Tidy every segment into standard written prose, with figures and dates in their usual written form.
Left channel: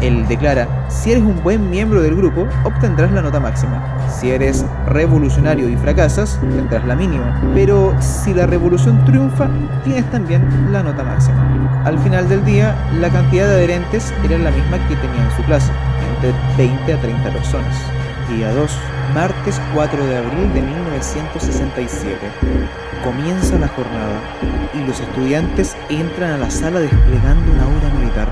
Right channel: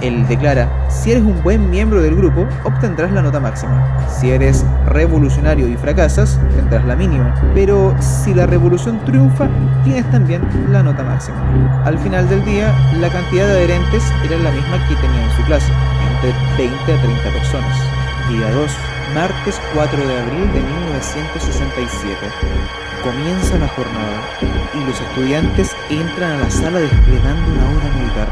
Él declara: si eres un buen miembro del grupo, obtendrás la nota máxima. Si eres revolucionario y fracasas, tendrás la mínima. Pero si la revolución triunfa, tienes también la nota máxima. Al final del día, la cantidad de adherentes era la misma que tenía en su clase, entre 20 a 30 personas. Día 2, martes 4 de abril de 1967. Comienza la jornada y los estudiantes entran a la sala desplegando una obra militar.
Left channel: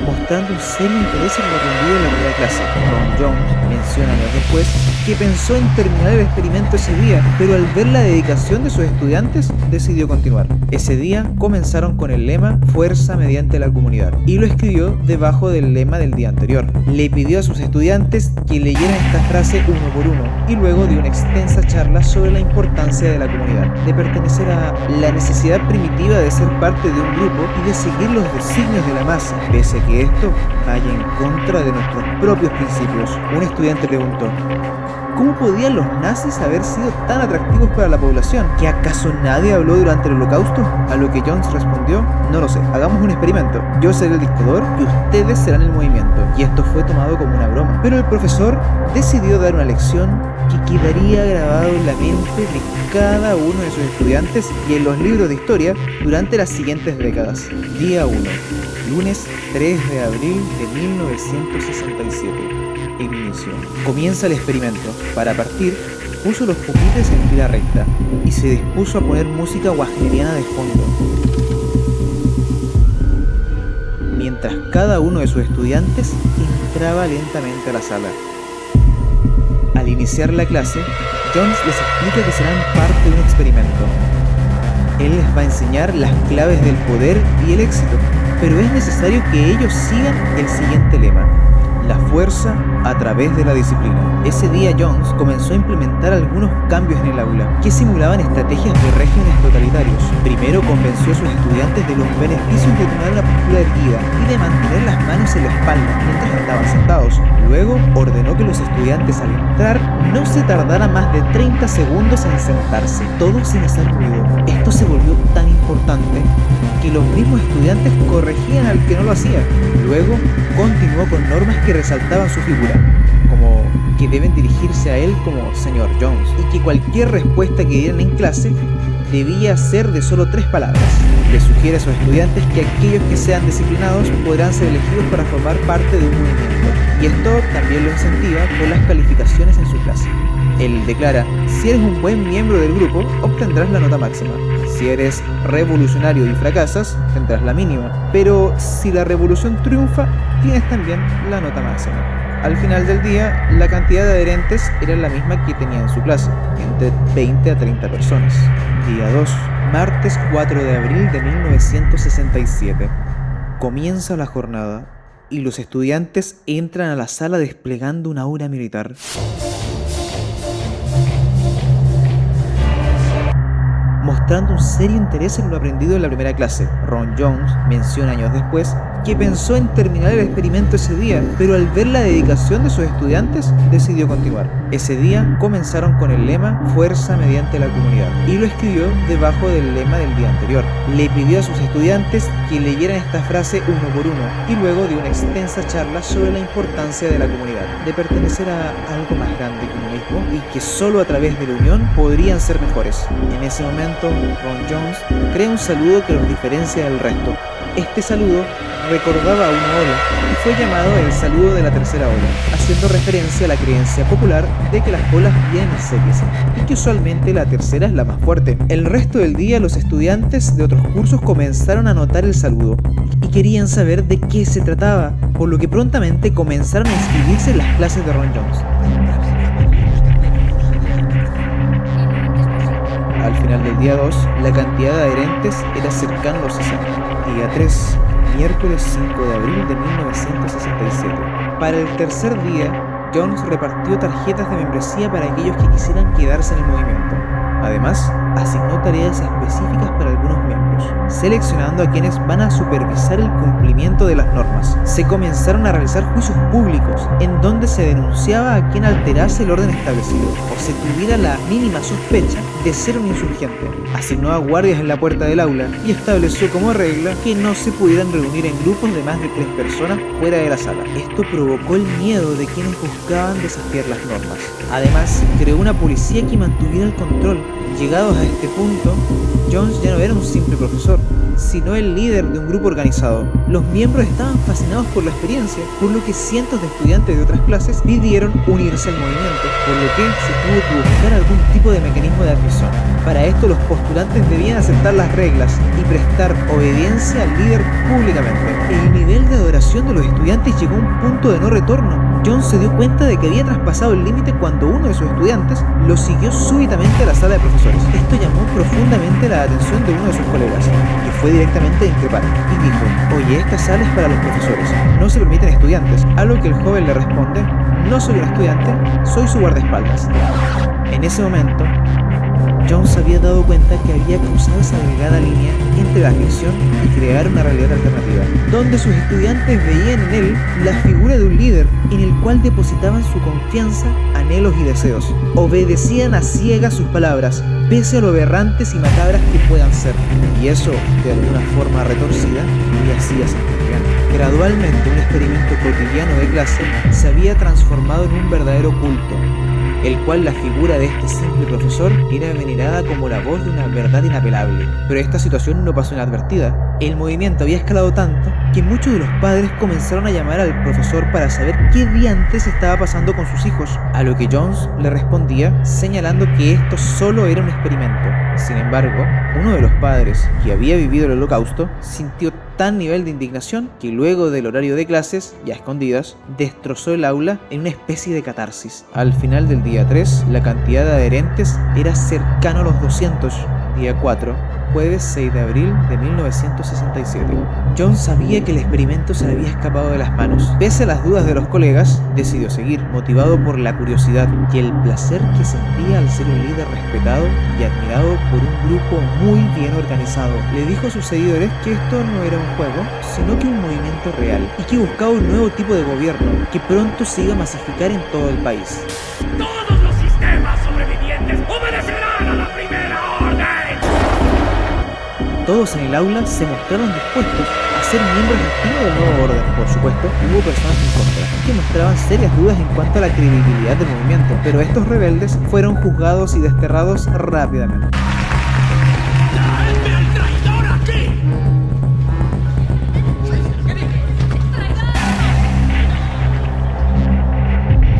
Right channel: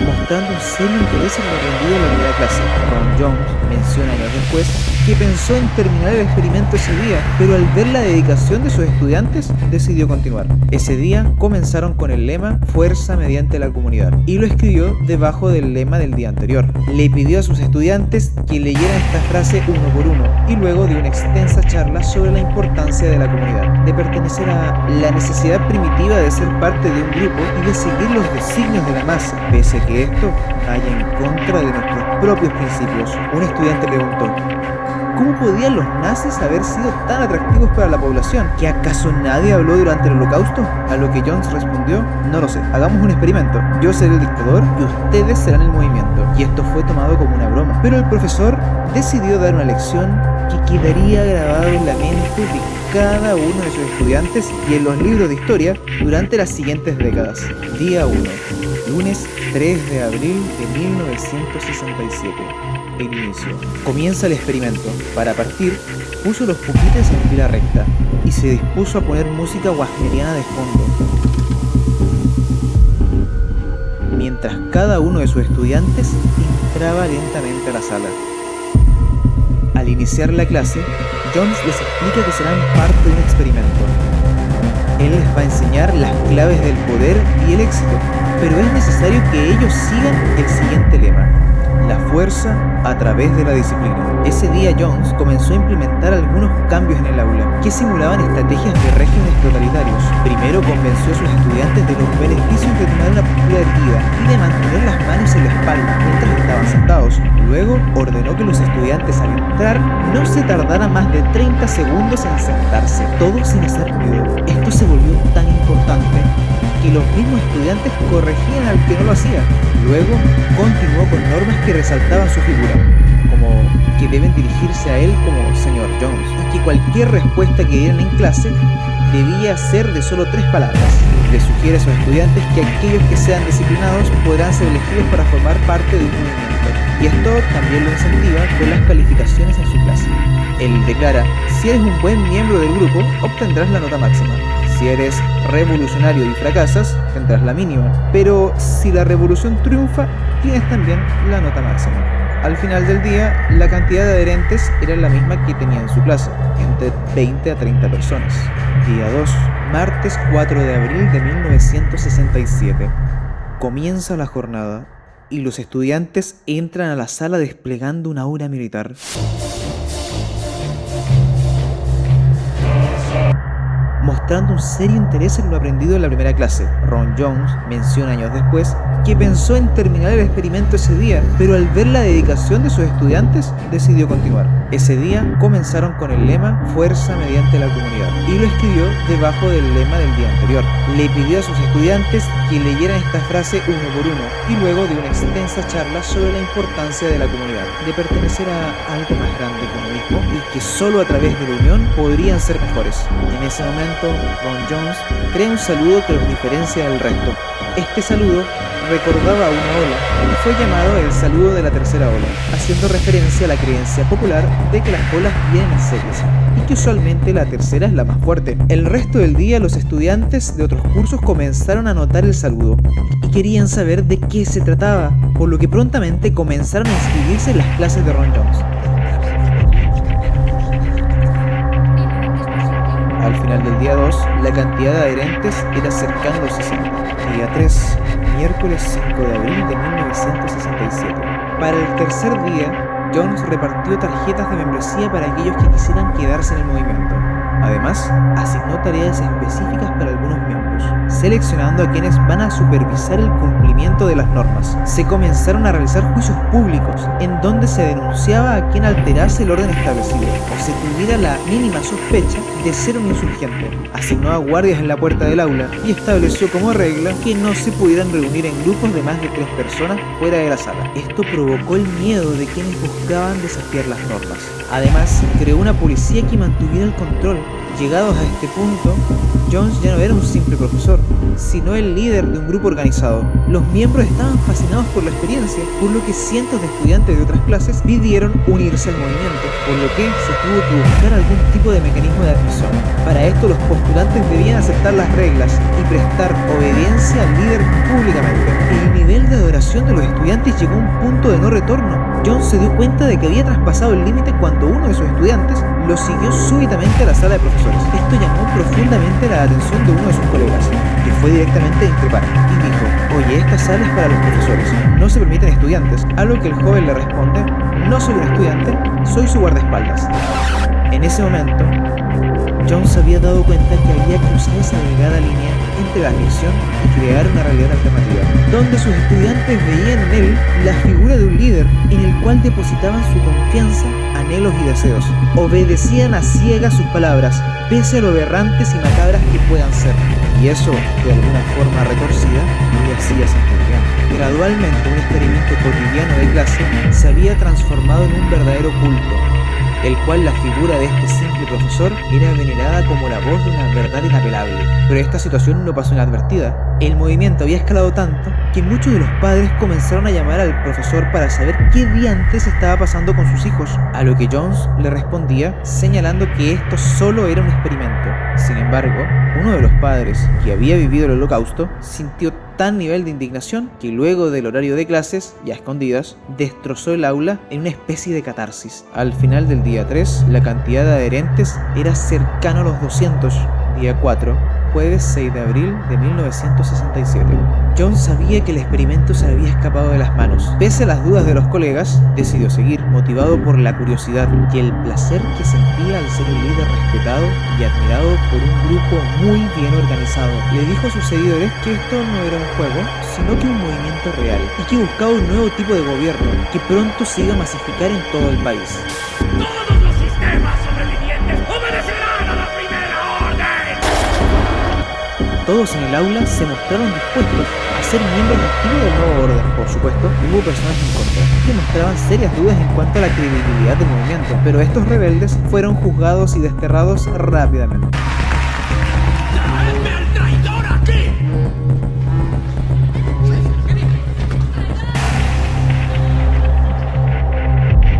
Mostrando un serio interés en lo aprendido en la primera clase, Ron Jones menciona años después que pensó en terminar el experimento ese día, pero al ver la dedicación de sus estudiantes, decidió continuar. Ese día comenzaron con el lema "Fuerza mediante la comunidad" y lo escribió debajo del lema del día anterior. Le pidió a sus estudiantes que leyeran esta frase uno por uno y luego dio una extensa charla sobre la importancia de la comunidad, de pertenecer a la necesidad primitiva de ser parte de un grupo y de seguir los designios de la masa, pese a que esto vaya en contra de nuestros propios principios. Un estudiante preguntó: ¿cómo podían los nazis haber sido tan atractivos para la población? ¿Que acaso nadie habló durante el Holocausto? A lo que Jones respondió: no lo sé, hagamos un experimento. Yo seré el dictador y ustedes serán el movimiento. Y esto fue tomado como una broma. Pero el profesor decidió dar una lección que quedaría grabado en la mente de cada uno de sus estudiantes y en los libros de historia durante las siguientes décadas. Día 1, lunes 3 de abril de 1967. El inicio. Comienza el experimento. Para partir, puso los pupitres en fila recta y se dispuso a poner música wagneriana de fondo, mientras cada uno de sus estudiantes entraba lentamente a la sala. Al iniciar la clase, Jones les explica que serán parte de un experimento. Él les va a enseñar las claves del poder y el éxito, pero es necesario que ellos sigan el siguiente lema: la fuerza a través de la disciplina. Ese día Jones comenzó a implementar algunos cambios en el aula que simulaban estrategias de regímenes totalitarios. Primero convenció a sus estudiantes de los beneficios de tomar una postura erguida y de mantener las manos en la espalda mientras estaban sentados. Luego ordenó que los estudiantes al entrar no se tardaran más de 30 segundos en sentarse, todo sin hacer ruido. Esto se volvió tan importante que los mismos estudiantes corregían al que no lo hacía. Luego continuó con normas que resaltaban su figura, como que deben dirigirse a él como señor Jones y que cualquier respuesta que dieran en clase debía ser de solo 3 palabras. Le sugiere a sus estudiantes que aquellos que sean disciplinados podrán ser elegidos para formar parte de un movimiento, y esto también lo incentiva con las calificaciones en su clase. Él declara: si eres un buen miembro del grupo, obtendrás la nota máxima. Si eres revolucionario y fracasas, tendrás la mínima. Pero si la revolución triunfa, tienes también la nota máxima. Al final del día, la cantidad de adherentes era la misma que tenía en su clase, entre 20 a 30 personas. Día 2, martes 4 de abril de 1967. Comienza la jornada y los estudiantes entran a la sala desplegando una obra militar. Mostrando un serio interés en lo aprendido en la primera clase, Ron Jones menciona años después que pensó en terminar el experimento ese día, pero al ver la dedicación de sus estudiantes, decidió continuar. Ese día comenzaron con el lema "Fuerza mediante la comunidad" y lo escribió debajo del lema del día anterior. Le pidió a sus estudiantes que leyeran esta frase uno por uno y luego dio una extensa charla sobre la importancia de la comunidad, de pertenecer a algo más grande que uno mismo y que solo a través de la unión podrían ser mejores. En ese momento, Ron Jones crea un saludo que los diferencia del resto. Este saludo recordaba a una ola y fue llamado el saludo de la tercera ola, haciendo referencia a la creencia popular de que las olas vienen en series y que usualmente la tercera es la más fuerte. El resto del día los estudiantes de otros cursos comenzaron a notar el saludo y querían saber de qué se trataba, por lo que prontamente comenzaron a inscribirse en las clases de Ron Jones. Al final del día 2, la cantidad de adherentes era cercana a los 60. Día 3, miércoles 5 de abril de 1967. Para el tercer día, Jones repartió tarjetas de membresía para aquellos que quisieran quedarse en el movimiento. Además, asignó tareas específicas para algunos miembros, seleccionando a quienes van a supervisar el cumplimiento de las normas. Se comenzaron a realizar juicios públicos, en donde se denunciaba a quien alterase el orden establecido, o se tuviera la mínima sospecha de ser un insurgente. Asignó a guardias en la puerta del aula y estableció como regla que no se pudieran reunir en grupos de más de 3 personas fuera de la sala. Esto provocó el miedo de quienes buscaban desafiar las normas. Además, creó una policía que mantuviera el control. Llegados a este punto, Jones ya no era un simple profesor, sino el líder de un grupo organizado. Los miembros estaban fascinados por la experiencia, por lo que cientos de estudiantes de otras clases pidieron unirse al movimiento, por lo que se tuvo que buscar algún tipo de mecanismo de admisión. Para esto, los postulantes debían aceptar las reglas y prestar obediencia al líder públicamente. El nivel de adoración de los estudiantes llegó a un punto de no retorno. Jones se dio cuenta de que había traspasado el límite cuando uno de sus estudiantes lo siguió súbitamente a la sala de profesores. Esto llamó profundamente la atención de uno de sus colegas, que fue directamente a increpar y dijo: "Oye, esta sala es para los profesores, no se permiten estudiantes", a lo que el joven le responde: "No soy un estudiante, soy su guardaespaldas". En ese momento, Jones se había dado cuenta que había cruzado esa delgada línea entre la ficción y crear una realidad alternativa, donde sus estudiantes veían en él la figura de un líder en el cual depositaban su confianza, anhelos y deseos. Obedecían a ciegas sus palabras, pese a lo aberrantes y macabras que puedan ser. Y eso, de alguna forma retorcida, le hacía sentir bien. Gradualmente, un experimento cotidiano de clase se había transformado en un verdadero culto, el cual la figura de este simple profesor era venerada como la voz de una verdad inapelable. Pero esta situación no pasó inadvertida. El movimiento había escalado tanto que muchos de los padres comenzaron a llamar al profesor para saber qué diantres estaba pasando con sus hijos, a lo que Jones le respondía señalando que esto solo era un experimento. Sin embargo, uno de los padres, que había vivido el Holocausto, sintió tal nivel de indignación que luego del horario de clases, ya escondidas, destrozó el aula en una especie de catarsis. Al final del día 3, la cantidad de adherentes era cercano a los 200. Día 4, jueves 6 de abril de 1967. Jones sabía que el experimento se le había escapado de las manos. Pese a las dudas de los colegas, decidió seguir, motivado por la curiosidad y el placer que sentía al ser un líder respetado y admirado por un grupo muy bien organizado. Le dijo a sus seguidores que esto no era un juego, sino que un movimiento real, y que buscaba un nuevo tipo de gobierno que pronto se iba a masificar en todo el país. ¡Todos los sistemas sobrevivientes obedecerán a la primera orden! Todos en el aula se mostraron dispuestos a ser miembros activos del nuevo orden. Por supuesto, hubo personas en contra, que mostraban serias dudas en cuanto a la credibilidad del movimiento, pero estos rebeldes fueron juzgados y desterrados rápidamente. ¡Traedme al traidor aquí!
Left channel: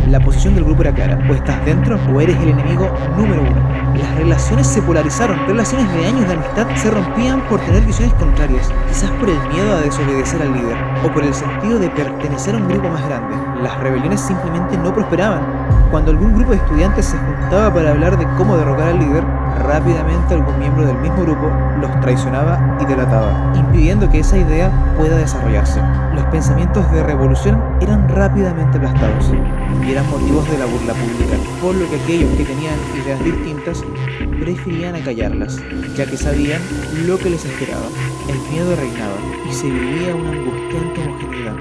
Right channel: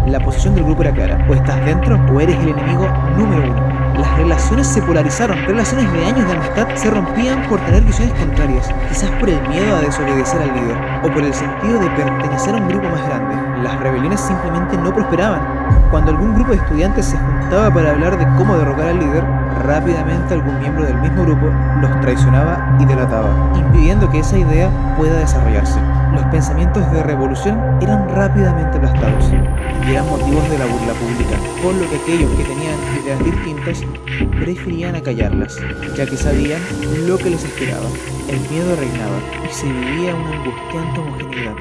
La posición del grupo era clara: o estás dentro o eres el enemigo número 1. Las relaciones se polarizaron, relaciones de años de amistad se rompían por tener visiones contrarias, quizás por el miedo a desobedecer al líder, o por el sentido de pertenecer a un grupo más grande. Las rebeliones simplemente no prosperaban. Cuando algún grupo de estudiantes se juntaba para hablar de cómo derrocar al líder, rápidamente algún miembro del mismo grupo los traicionaba y delataba, impidiendo que esa idea pueda desarrollarse. Los pensamientos de revolución eran rápidamente aplastados y eran motivos de la burla pública, por lo que aquellos que tenían ideas distintas preferían acallarlas, ya que sabían lo que les esperaba. El miedo reinaba y se vivía una angustiante homogeneidad.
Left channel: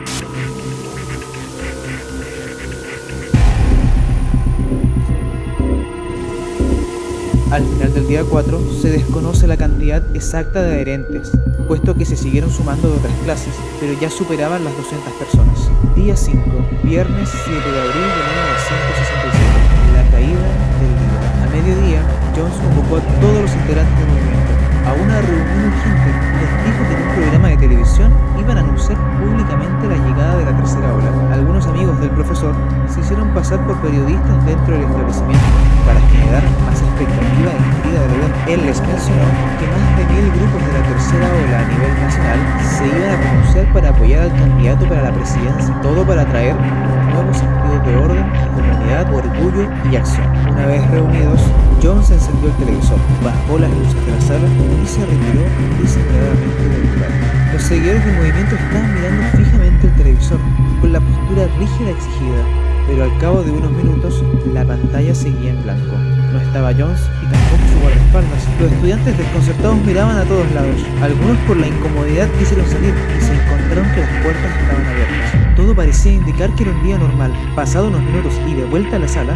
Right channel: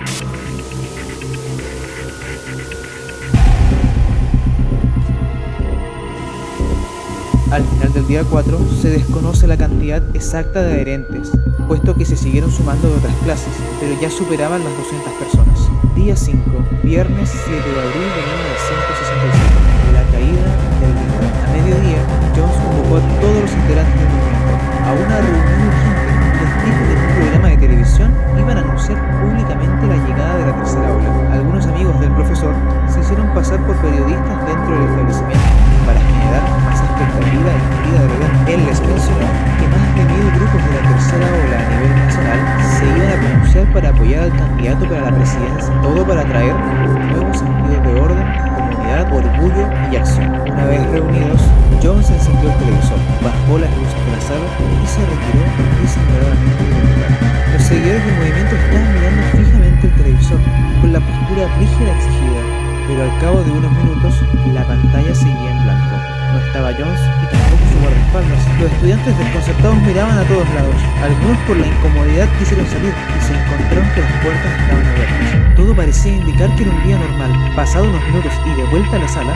Al final del día 4 se desconoce la cantidad exacta de adherentes, puesto que se siguieron sumando de otras clases, pero ya superaban las 200 personas. Día 5, viernes 7 de abril de 1967, la caída del líder. A mediodía, Jones convocó a todos los integrantes del movimiento a una reunión urgente. Les dijo que en un programa de televisión iban a anunciar públicamente la llegada de la tercera ola. Algunos amigos del profesor se hicieron pasar por periodistas dentro del establecimiento para generar más expectativa e intriga del evento. Él les mencionó que más de 1000 grupos de la tercera ola a nivel nacional se iban a pronunciar para apoyar al candidato para la presidencia, todo para traer un nuevo sentido de orden, comunidad, orgullo y acción. Una vez reunidos, Jones encendió el televisor, bajó las luces de la sala y se retiró disimuladamente del lugar. Los seguidores del movimiento estaban mirando fijamente el televisor, con la postura rígida exigida. Pero al cabo de unos minutos, la pantalla seguía en blanco. No estaba Jones y tampoco su guardaespaldas. Los estudiantes desconcertados miraban a todos lados. Algunos por la incomodidad quisieron salir y se encontraron que las puertas estaban abiertas. Todo parecía indicar que era un día normal. Pasado unos minutos y de vuelta a la sala,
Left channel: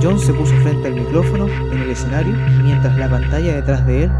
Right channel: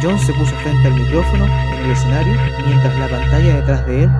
Jones se puso frente al micrófono en el escenario, mientras la pantalla detrás de él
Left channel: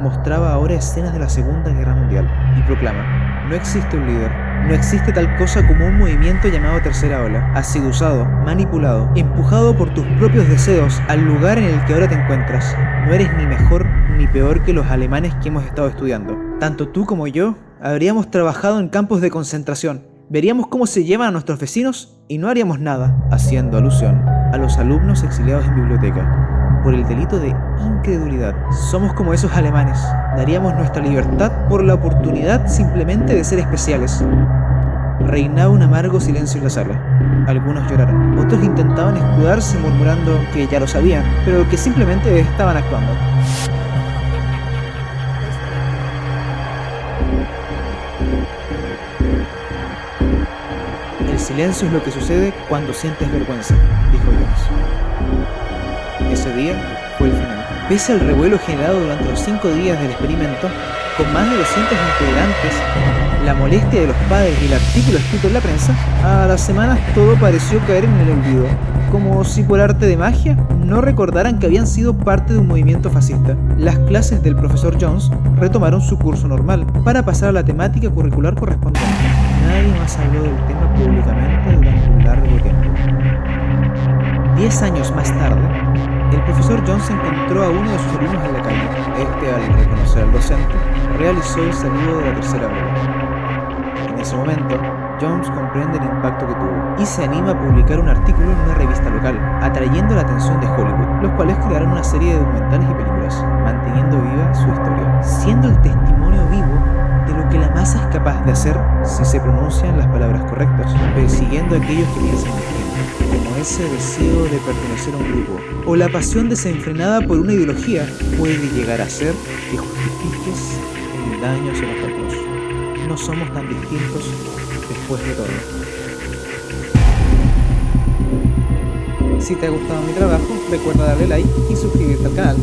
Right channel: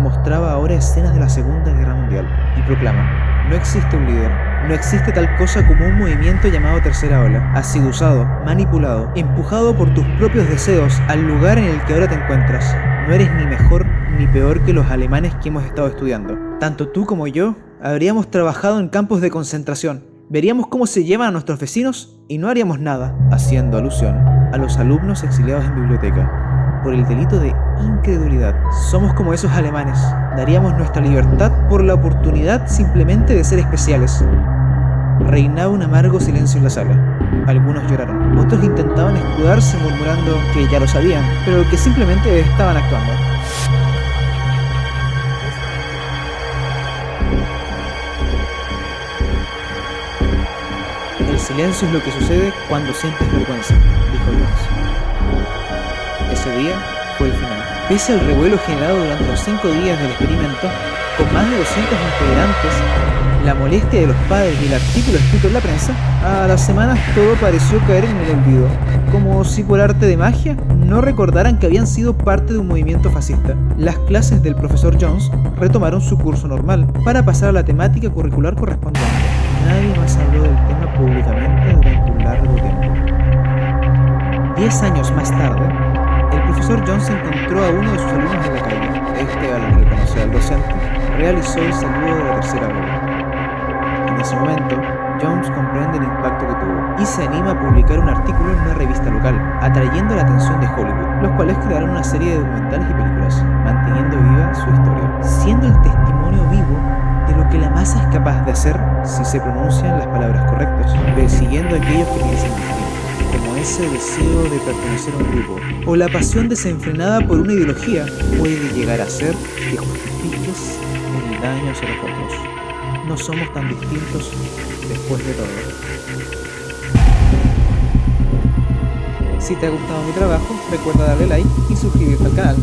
mostraba ahora escenas de la Segunda Guerra Mundial y proclama: no existe un líder. No existe tal cosa como un movimiento llamado tercera ola. Has sido usado, manipulado, empujado por tus propios deseos al lugar en el que ahora te encuentras. No eres ni mejor ni peor que los alemanes que hemos estado estudiando. Tanto tú como yo habríamos trabajado en campos de concentración. Veríamos cómo se llevan a nuestros vecinos y no haríamos nada, haciendo alusión a los alumnos exiliados en biblioteca, por el delito de incredulidad. Somos como esos alemanes. Daríamos nuestra libertad por la oportunidad simplemente de ser especiales. Reinaba un amargo silencio en la sala. Algunos lloraron, otros intentaban escudarse murmurando que ya lo sabían, pero que simplemente estaban actuando. El silencio es lo que sucede cuando sientes vergüenza, dijo Jones. Ese día fue el final. Pese al revuelo generado durante los 5 días del experimento, con más de 200 integrantes, la molestia de los padres y el artículo escrito en la prensa, a las semanas todo pareció caer en el olvido, como si por arte de magia no recordaran que habían sido parte de un movimiento fascista. Las clases del profesor Jones retomaron su curso normal para pasar a la temática curricular correspondiente. Nadie más habló del tema públicamente durante un largo tiempo. 10 años más tarde, el profesor Jones encontró a uno de sus alumnos en la calle. Este, al reconocer al docente, realizó el saludo de la tercera ola. En ese momento, Jones comprende el impacto que tuvo y se anima a publicar un artículo en una revista local, atrayendo la atención de Hollywood, los cuales crearon una serie de documentales y películas, manteniendo viva su historia, siendo el testimonio vivo de lo que la masa es capaz de hacer si se pronuncian las palabras correctas, persiguiendo a aquellos que piensan distinto, como ese deseo de pertenecer a un grupo, o la pasión desenfrenada por una ideología puede llegar a ser que justifiques el daño hacia los otros. No somos tan distintos después de todo. Si te ha gustado mi trabajo, recuerda darle like y suscribirte al canal.